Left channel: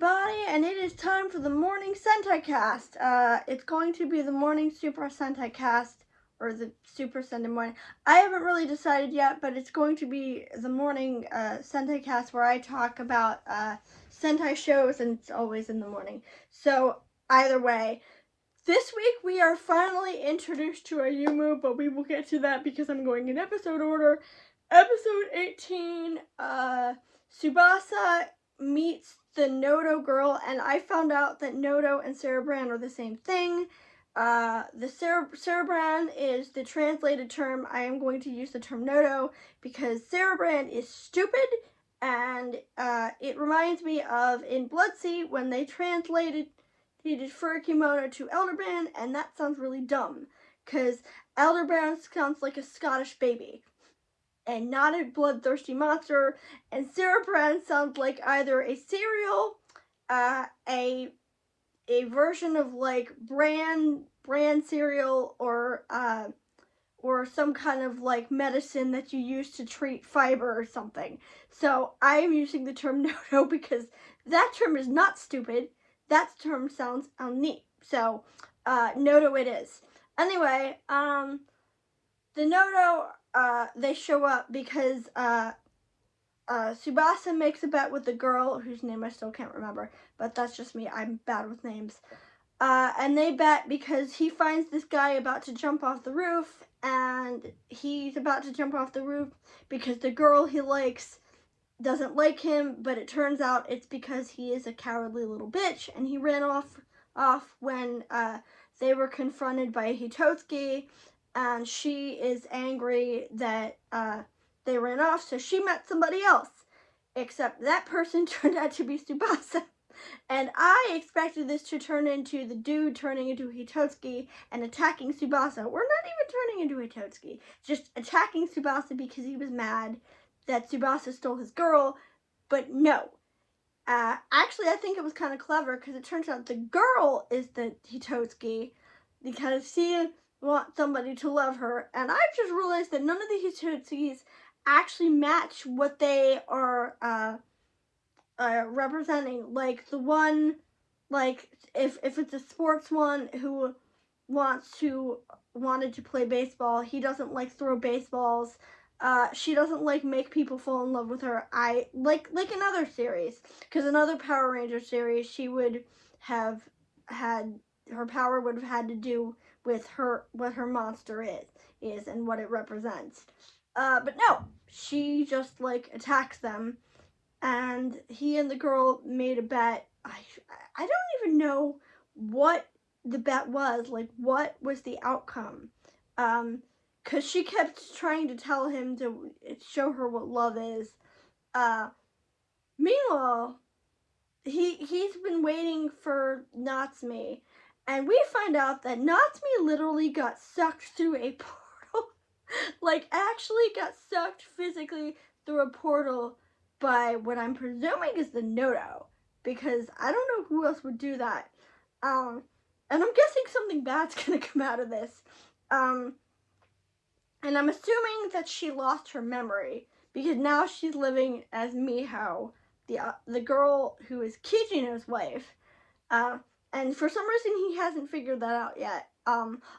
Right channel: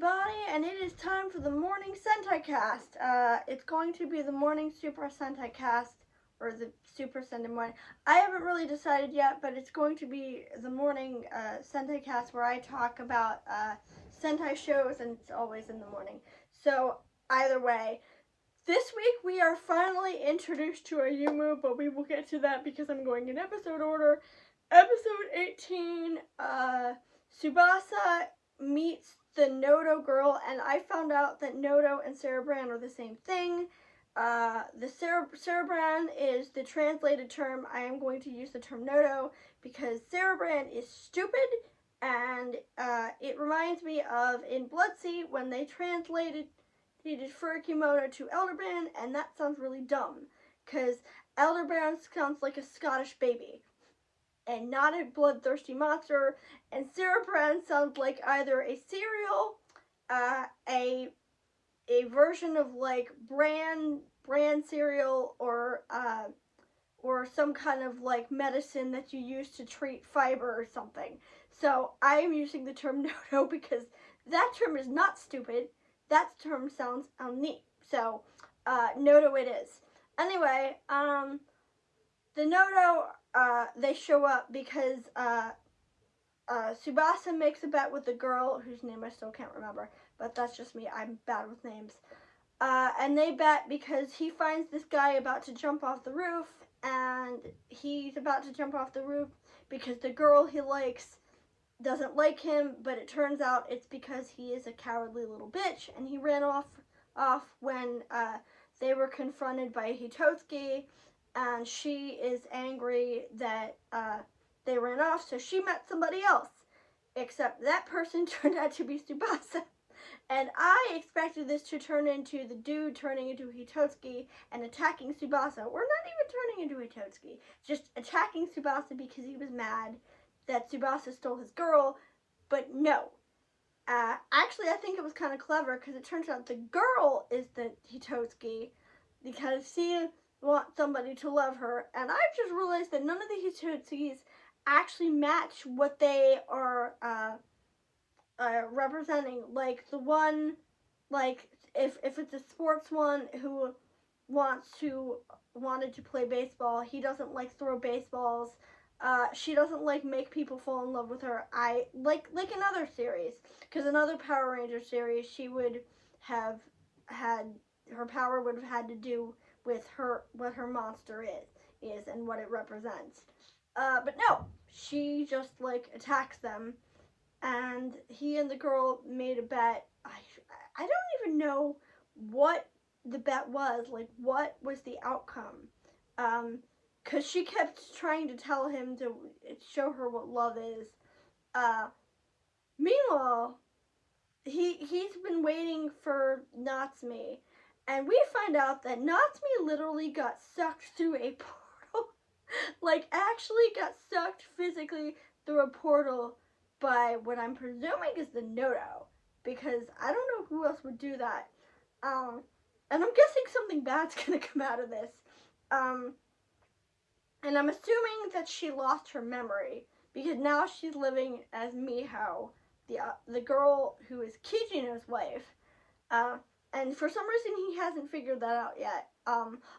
everybody, and it is time for the morning Sentaicasf. It's going to be the morning Super Sentaicasf, or the Super Sentai morning. I haven't really decided yet, but it's going to be the morning Sentaicasf where I talk about Sentai shows, and it's always in the morning. So, either way, this week we are finally introduced to a new move, but we will get to that because I'm going in episode order. Episode 18, Tsubasa meets the Noto girl, and I found out that Noto and Cerebran are the same thing. The Cerebran is the translated term. I am going to use the term Noto because Cerebran is stupid, and it reminds me of in Blood-Sea when they translated Furikimono to Elderbrand, and that sounds really dumb because Elderbrand sounds like a Scottish baby and not a bloodthirsty monster, and Cerebran sounds like either a cereal, a version of like bran cereal, or some kind of like medicine that you use to treat fiber or something. So I am using the term Noto because that term is not stupid. That term sounds neat. So Noto it is. Anyway, the Noto, they show up because Tsubasa makes a bet with the girl whose name I still can't remember, but that's just me. I'm bad with names. And they bet because he finds this guy about to jump off the roof, and he's about to jump off the roof because the girl he likes doesn't like him, but it turns out it's because he is a cowardly little bitch, and he ran off when they were confronted by Hitotsuki, and she is angry that they ran off, so she met somebody else, except that person turned out to be Tsubasa. And I expected this to turn into the dude turning into Hitotsuki and attacking Tsubasa. We're not even turning into Hitotsuki, just attacking Tsubasa because he was mad that Tsubasa stole his girl, but no. Actually, I think it was kind of clever because it turns out the girl is the Hitotsuki because she wants somebody to love her, and I've just realized that none of the Hitotsukis actually match what they are representing. Like the one, like if it's a sports one who wanted to play baseball, he doesn't like throw baseballs. She doesn't like make people fall in love with her. I like in other series, because in other Power Ranger series, she would have had her power would have had to do with what her monster is and what it represents. But no, she just like attacks them, and he and the girl made a bet. I don't even know what the bet was. Like, what was the outcome? Because she kept trying to tell him to show her what love is. Meanwhile, he's been waiting for Natsume, and we find out that Natsume literally got sucked through a portal. Like, actually got sucked physically through a portal by what I'm presuming is the Noto, because I don't know who else would do that. And I'm guessing something bad's gonna come out of this. And I'm assuming that she lost her memory, because now she's living as Miho, the girl who is Kijino's wife. And for some reason he hasn't figured that out yet.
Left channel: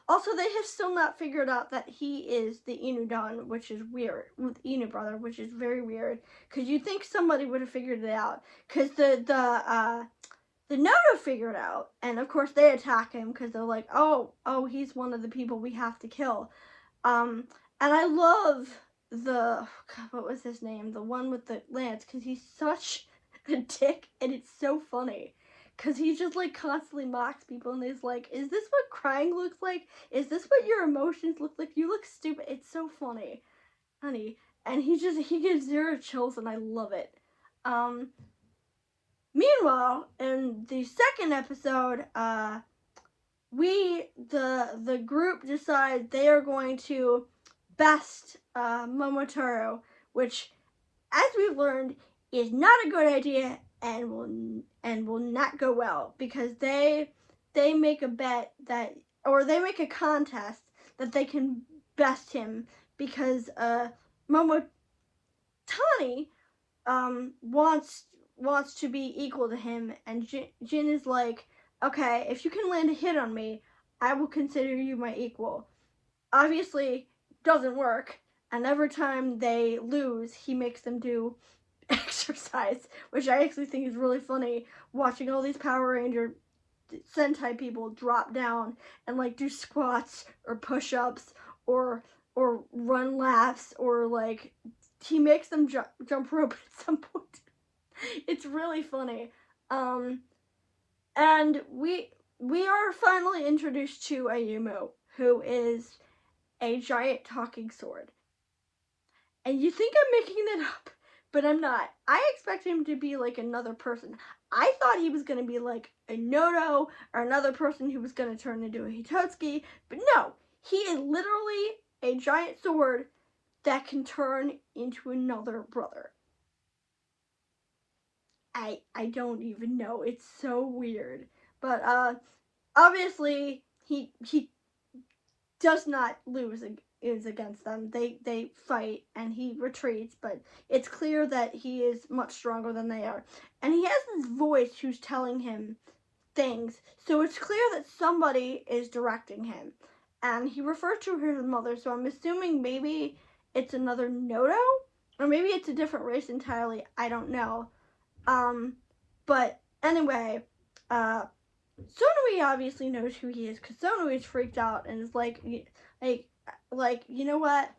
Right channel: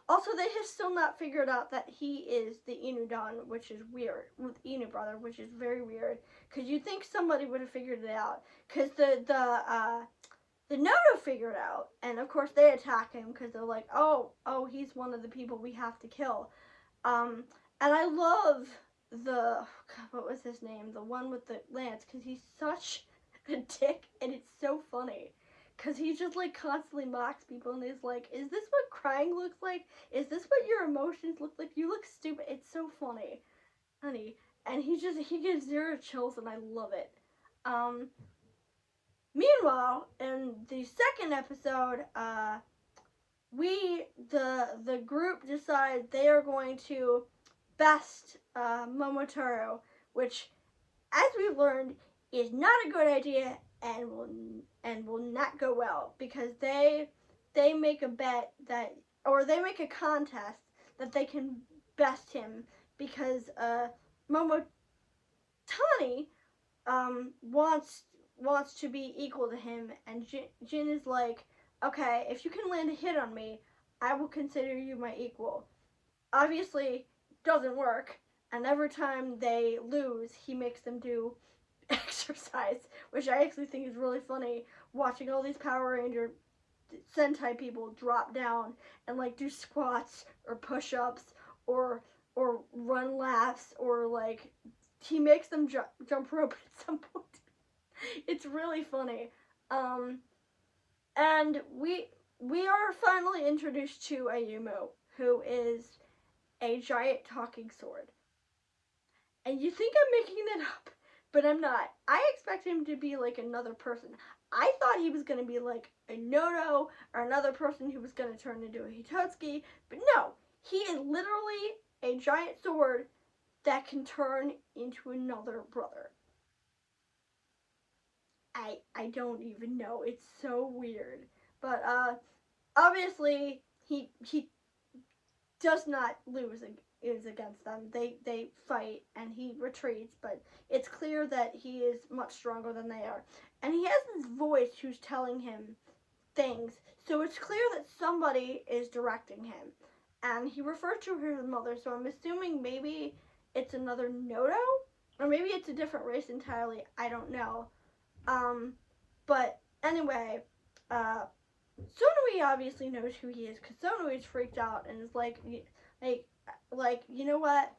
Also, they have still not figured out that he is the Inudon, which is weird, with Inu brother, which is very weird, because you'd think somebody would have figured it out, because the Noto figured out, and of course they attack him, because they're like, oh, he's one of the people we have to kill. And I love what was his name? The one with the lance, because he's such a dick, and it's so funny. Because he just, like, constantly mocks people, and he's like, is this what crying looks like? Is this what your emotions look like? You look stupid. It's so funny, honey. And he gives zero chills, and I love it. Meanwhile, in the second episode, the group decide they are going to best Momotaro, which, as we've learned, is not a good idea and will not go well, because they make a bet that, or they make a contest that they can best him, because Momotani wants wants to be equal to him, and Jin is like, okay, if you can land a hit on me, I will consider you my equal. Obviously, doesn't work, and every time they lose, he makes them do exercise, which I actually think is really funny, watching all these Power Ranger Sentai people drop down and like do squats or push-ups or run laps, or like he makes them jump rope at some point. It's really funny. And we are finally introduced to Ayumu, who is a giant talking sword. And you think I'm making that up, but I'm not. I expect him to be like another person. I thought he was going to be like a Noto or another person who was going to turn into a Hitotsuki, but no, he is literally a giant sword that can turn into another brother. I don't even know. It's so weird. But obviously he does not lose is against them. They fight and he retreats, but it's clear that he is much stronger than they are. And he has this voice who's telling him things, so it's clear that somebody is directing him. And he refers to his mother, so I'm assuming maybe it's another Noto, or maybe it's a different race entirely. I don't know. But anyway, Sonui obviously knows who he is, because Sonui is freaked out and is like, you know what?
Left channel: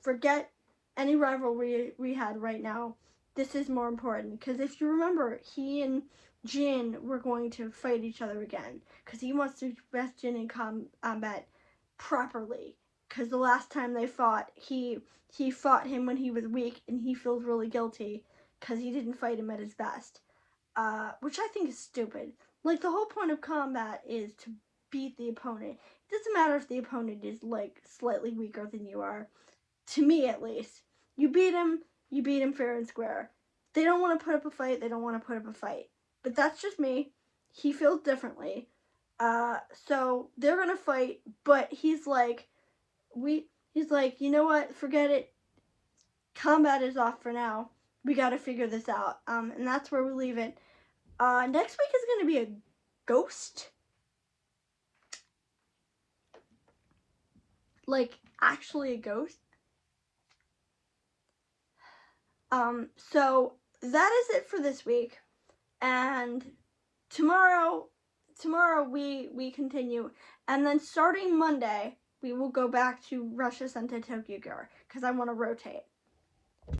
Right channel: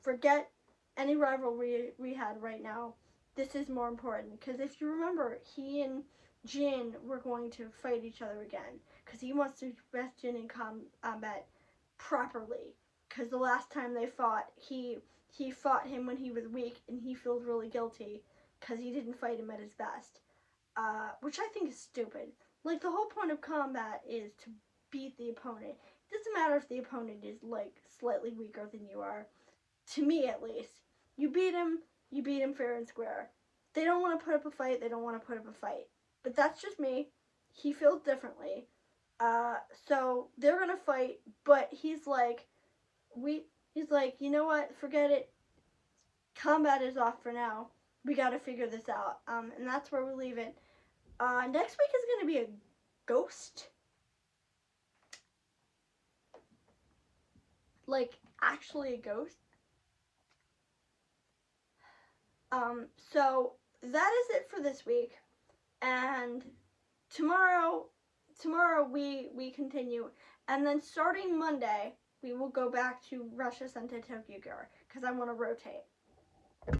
Forget any rivalry we had right now. This is more important, because if you remember, he and Jin were going to fight each other again, because he wants to best Jin in combat properly, because the last time they fought, he fought him when he was weak, and he feels really guilty, because he didn't fight him at his best, which I think is stupid. Like, the whole point of combat is to beat the opponent. It doesn't matter if the opponent is, like, slightly weaker than you are. To me, at least. You beat him fair and square. They don't want to put up a fight, they don't want to put up a fight. But that's just me. He feels differently. So they're gonna fight, but he's like, you know what, forget it. Combat is off for now. We gotta figure this out. And that's where we leave it. Next week is gonna be a ghost. Like, actually a ghost. So that is it for this week. And tomorrow we continue. And then starting Monday, we will go back to Russia Sentai Tokyo Girl, because I want to rotate.